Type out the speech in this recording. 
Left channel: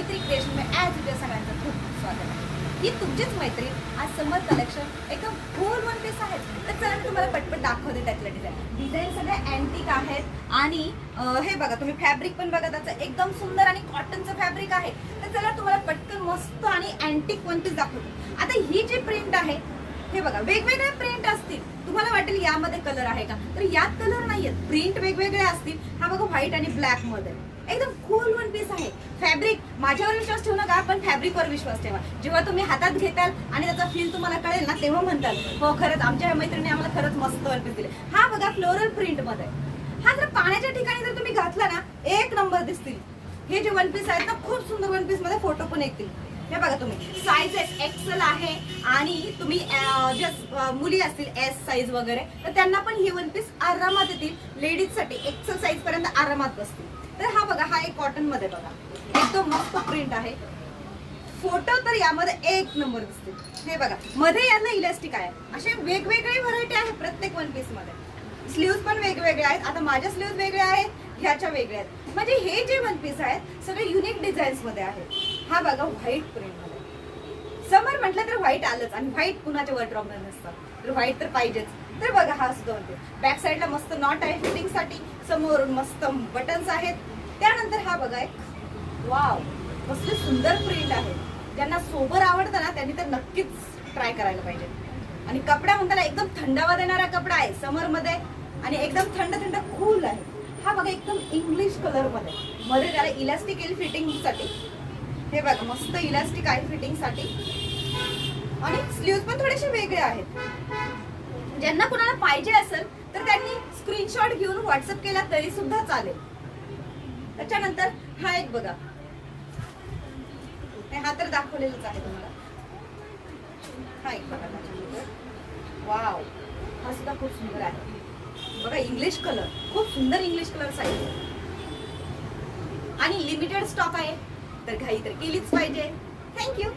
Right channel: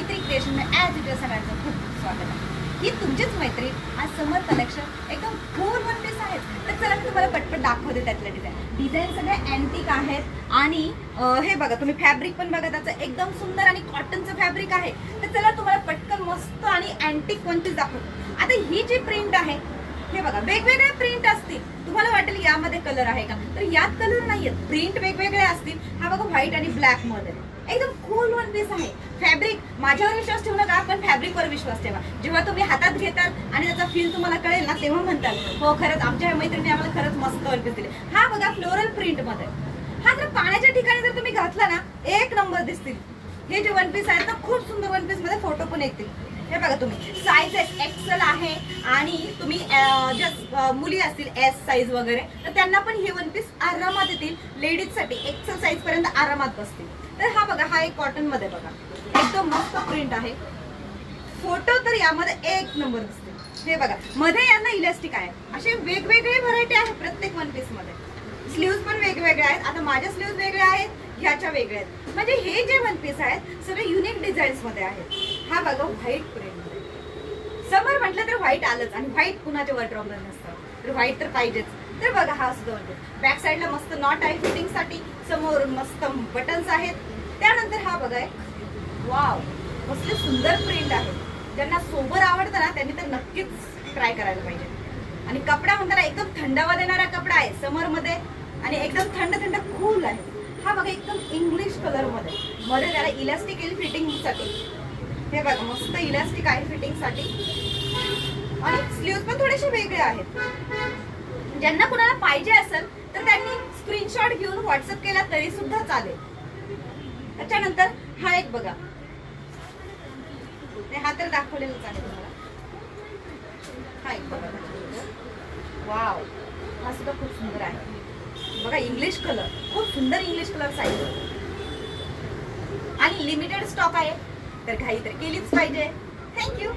मैत्री क्रिएशन में as it सगळ्यांचं खूप स्वागत आहे. ही तुमचीच मैत्री आज समर कलेक्शन एकदम फुल वन पीस आहेत. तर चला तुम्हाला पटपट दाखवते त्यातलं डिझाईन सगळे अँटिक आहेत आणि हे बघा तुम्ही फॅब्रिक पण बघा त्याचं एकदम सुंदर आणि कॉटनचं फॅब्रिक आहे. तर चला तुम्हाला पटकन मस्त आणि अँटिक वन पीस दाखवतो. आता ही जी प्रिंट आहे हे बघा वेगवेगळे प्रिंट असतील. तुम्हाला वाटेल यामध्ये कलर आहे का, तर यात कलर नाहीयेत, प्रिंट वेगवेगळे असतील. हा बघा व्हाईट आणि ब्लॅक मध्ये एकदम कूल वन पीस आहे. फॅब्रिक माझ्यावर विश्वास ठेवू नका, पण फॅब्रिकवर विश्वास ठेवा. जेव्हा तुम्ही हातात घेताल आणि त्याचा फील तुम्हाला कळेल ना, तेव्हा म्हणताल हो खरंच आमच्या मैत्रिणी आम्हाला खरंच मस्त वन पीस दिले. हा बघा फ्लोरल प्रिंट मध्ये, हा जर पाण्याच्या ठिकाणी जर तुम्ही घातला ना एक नंबर दिसतील. हे जे वन पीस आहेत ना खूप सुंदर वन पीस मध्ये फोटो पण येतील. हे बघा तुम्ही साईज एक्सेल आहे आणि तुम्ही ज्या मुली असतील एस साईज वगैरे तर त्यांना पण हे वन पीस आरामात येतील. लेडीज साठी एक्सेल साईज पर्यंत आरामात बसतील. तर हा बघा हा एक कॉटन मध्ये बघा एकदम मस्त प्रिंट आहे. फोटो तर यामध्ये एक नंबर दिसतील. हे बघा मध्ये यांना इलास्टिक आहे. असे वेगवेगळे व्हरायटी आहे प्रत्येक वन पीस मध्ये. स्लीव्स पण वेगवेगळे आहेत. आता माझ्या स्लीव्स वेगळे आहेत, ह्याच्या वेगळ्या आहेत. म्हणजे हे जे वन पीस आहेत सगळे युनिक डिझाईन्स मध्ये आहेत. हा बघा व्हाईट प्रिंट मध्ये, समर म्हटलं तर व्हाईट आलंच आणि व्हाईट कुणाच्या वॉर्डरोबमध्ये नसतं, तर व्हाईट तर पाहिजेच. तर बघा हा असतो वन पीस. बॅक साईडला मस्त नॉट आहे फिटिंग साठी, समोरून मस्त बटन्स आहेत. त्यानंतर हा बघा एक वाव कसली सुंदर प्रिंट आहे. ज्यांना सोबर आवडतं ना त्यांनी तर नक्कीच ट्राय करायला पाहिजे. आणि कपडा म्हणताना एकदम थंडावा देणारा कपडा आहे समर मध्ये आणि एकदम थंड थंड कूल आहे. हा बघा एकदम इंग्लिश कलर मध्ये त्याला इलास्टिक येईल फिटिंग साठी. हे बघा मस्त इलास्टिक आहे फिटिंग साठी आणि स्लीव्स पण थोडेसे वेगळे आहेत. ज्यांना कुणाला पाहिजे असेल तर त्यांनी स्क्रीनशॉट घेऊन व्हॉट्सअप केला तरी सुद्धा चालेल. त्याच्यानंतर हा एक बघा, हा तर दाखवलेलाच आहे तुम्हाला. हा एक बघा वाव, हा सुद्धा खूप सुंदर आहे. बघा इंग्लिश कलर, खूप सुंदर इंग्लिश कलर साईज आणि लिमिटेड स्टॉक आहे. तर घाई तर केलीच पाहिजे. थँक्यू.